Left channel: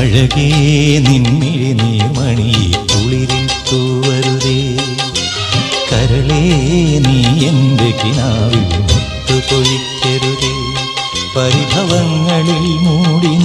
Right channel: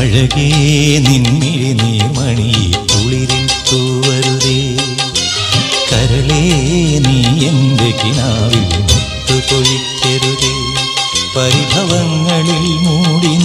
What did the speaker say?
അഴകേ നിന്നിഴി നീർമണി കുളിരിൽ തൂവരുതേ. കരളേ നീ എന്റെ കിനാവിൽ മുത്തുപൊഴിക്കരുതേ. പരിഭവങ്ങളിൽ മൂടി